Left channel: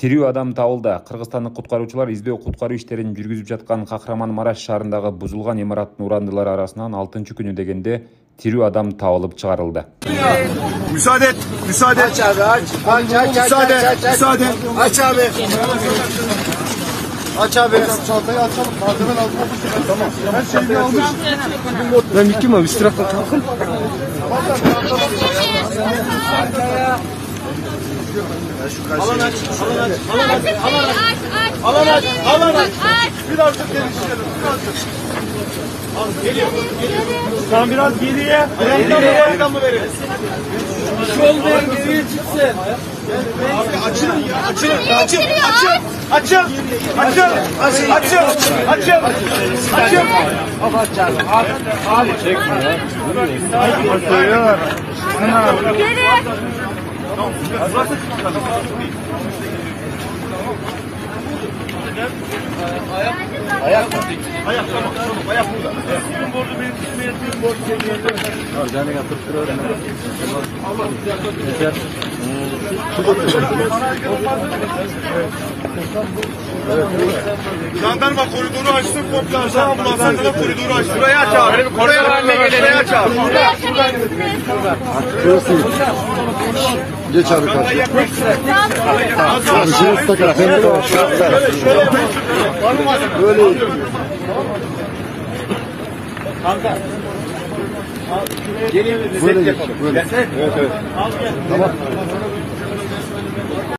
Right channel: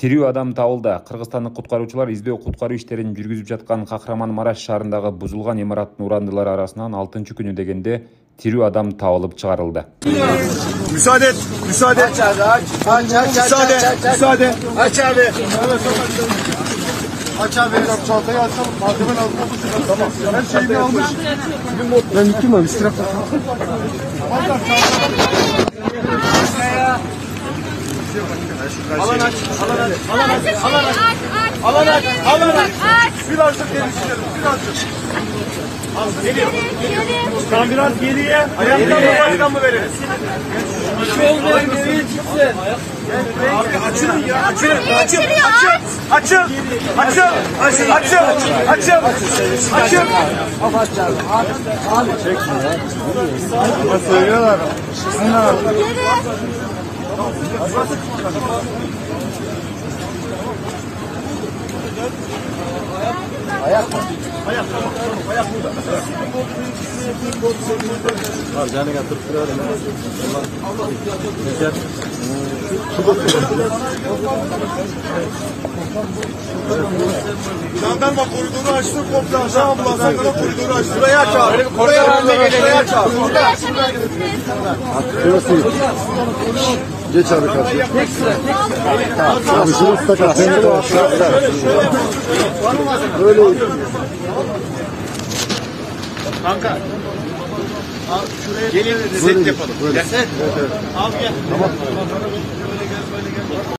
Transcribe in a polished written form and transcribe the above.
Тирүү адам табылды. Кыргызстандык куткаруучулар издөө-куткаруу иштерин жүргүзүп жаткан Кахраман-Мараш шаарындагы бузулган имараттын урандылары арасынан 6-күнү дегенде тирүү адам табылып чыгарылды. Müsaade et, müsaade. Aç abi, aç. Müsaade, müsaade. Aç abi. Aç abi. Çantayı açalım. Malzemen altına bakın. Her şeyini almış. Ben gittim abi, üstüne bakın. Alan aç. Alan aç. Birazcık geri çıkarın. Geliyor. Tam biraz geriye. Ayaktan mı veririz? Şöyle geriye çıksın. Abi açın ya. Açın. Abi çekme ya. Ayak burada. Sizin borcu benim üstüne yatayım, borcu senin yatayım. Harcanı yatırıp durarım. Yeter. Jandarma koridoru açtı, komple aşağı ambulanslar da koridoru açtı. Burayı aç abi. Burayı aç abi. Geç abi. Kanka. Gelin set yapalım. Set. Al gel.